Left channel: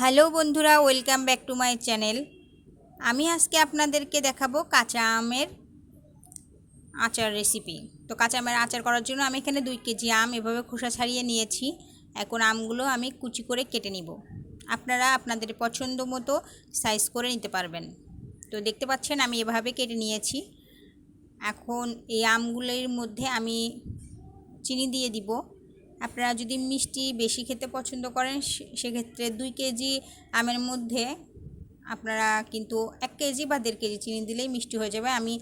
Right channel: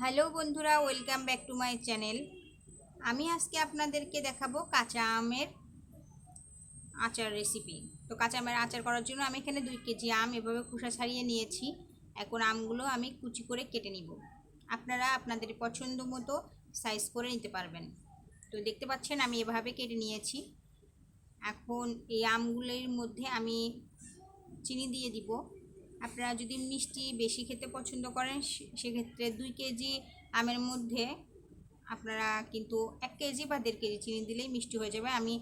Hello বন্ধুরা, welcome back to my channel. আমি আজকে আপনাদেরকে দেখাবো কাঁচা আমের আচার রেসিপি তো কাঁচা আমের আচার করার জন্য আমি এখানে দুই কেজি আম এভাবে খোসা ছাড়িয়ে নিয়েছি। এখন আমগুলো আমি কুচি করে কেটে নিব। আপনারা আপনাদের পছন্দ মতো সাইজ করে নিতে পারবেন। তো দেখতে পাচ্ছেন আমি এভাবে কেটে নিয়েছি। এখন এই আমগুলোর মধ্যে আমি চিনি দিয়ে দিব। আপনারা যদি মিষ্টি বেশি খেতে পছন্দ করেন সেক্ষেত্রে দুই কেজি আমের মধ্যে আপনারা কিন্তু এক কেজি বা দেড় কেজি চিনি দিলেই মিষ্টি হয়ে যাবে। আমি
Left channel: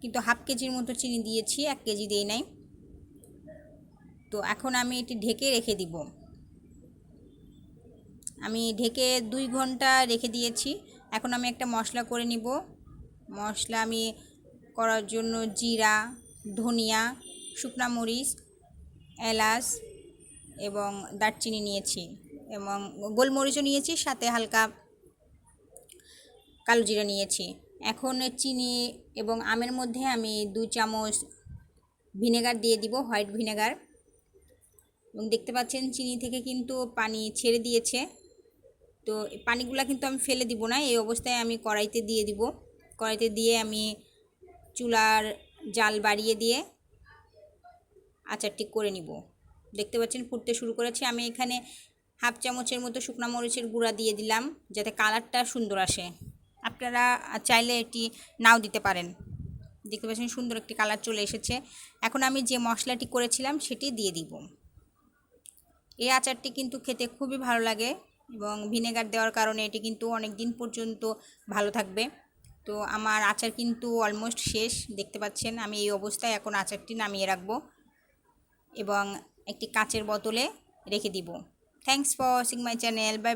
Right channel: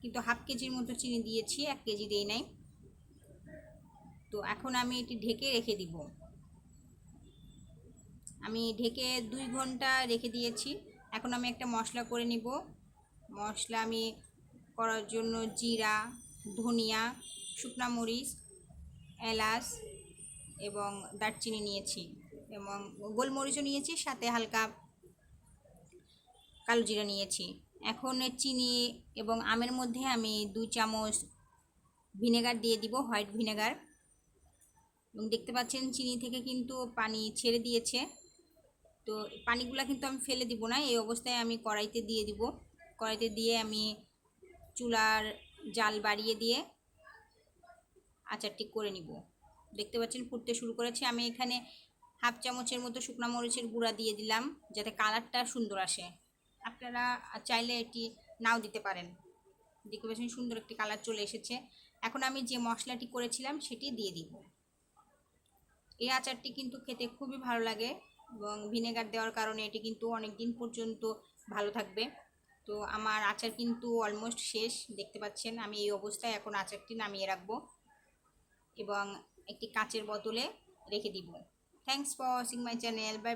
কিন্তু হাফ কেজির মতো চিনি দিয়েছি, এক কেজি দিই নাই। তো এখন আমি এটি ঢেকে রেখে দিব। আমি ঢেকে দুই ঘণ্টা রেখে দিয়েছি। এখন আমি একটা মশলা করে নিব। মশলা আমি করার জন্য জিরা, ধনিয়া, শুকনা মরিচ এলাচ এবং দারচিনি নিয়েছি এবং গোলমরিচও নিয়েছি, সাথে হালকা কালো জিরা নিয়েছি। এখন চিনি এবং আমের মধ্যে আমি দুই চামচ ভিনেগার দিয়ে দিব, হোয়াইট ভিনেগার। এবং দেখতে পাচ্ছেন চিনি থেকে কিন্তু পানি ছেড়ে দিয়েছে। তো পানিগুলো কিন্তু আমি ফেলে দিব না, এই অবস্থায় আমি কড়াইতে দিয়ে দিব। কড়াইতে দিয়ে আমি চুলার জাল বাড়িয়ে দিয়ে আচারটি করে নিব। দেখতে পাচ্ছেন ফুটতে শুরু করেছে। আমি এখানে হাফ চামচের মতো শুকনো মরিচের গুঁড়া দিয়ে দিলাম, যাতে কালারটা সুন্দর আসে। আপনারা চাইলে এটি নাও দিতে পারেন। দেখতে পাচ্ছেন সুন্দর একটি কালার চলে এসেছে। এখন আমি যে মশলাটি করেছিলাম সেটি দিয়ে দিব। এই আচারটি কিন্তু খেতে খুবই ভালো লাগে এবং ভিনেগার দেওয়ার কারণে এটি কিন্তু অনেক দিন পর্যন্ত ভালো থাকবে। তো আমার আচার কিন্তু অলমোস্ট শেষ। দেখতে পাচ্ছেন আমি এই অবস্থায় এখন আচারটি নামিয়ে রাখব। এবং একটি কাচের বোতলে রেখে দিব। Thanks for watching my channel bye